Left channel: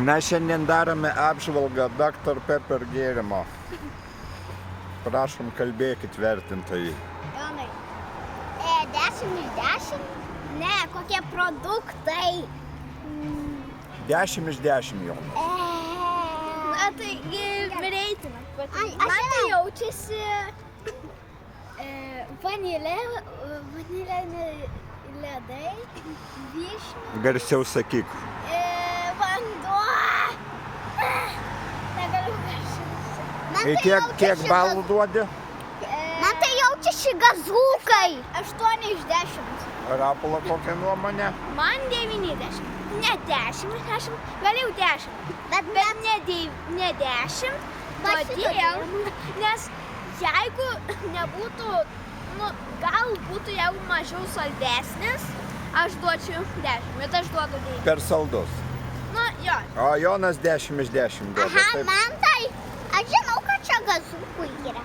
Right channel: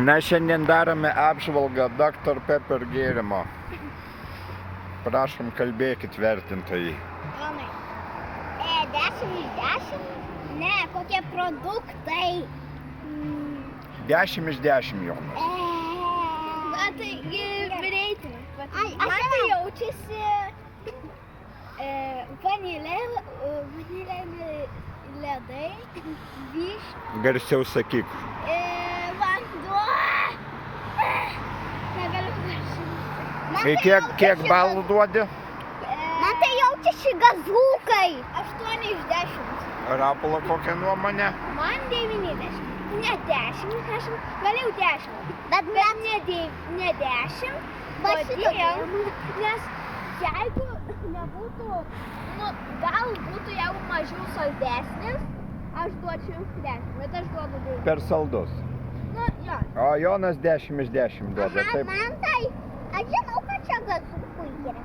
Mes šiandien darome apžvalgą Dr. Pepper gėrimo. Prašom, kalbėkit vertintojai. 10 iš 10? Ne, kokie produktai? 10 iš 10 jau. Na tai reitina. Man tai jaučiasi vanilė ledai, vyšnių. Garsiau sakyk. Vanduo. Negaliu garsiai. Kiek balų duodi? Man tai jaučiasi gazūkai. 8 iš 10. Rapolo kokią nuomonę? Man 90. Ne 10, gal jau 10. Bet ne 10. Kodėl? Nes jeigu nebūtų, gal būtų jau mažiau saldesnis, aš duočiau 10, bet aš duodu 9. Per saldus. Jo. O Jonas 10 iš 10 duoda. Aha, man tai, aš žinau, kad čia gazūkų yra.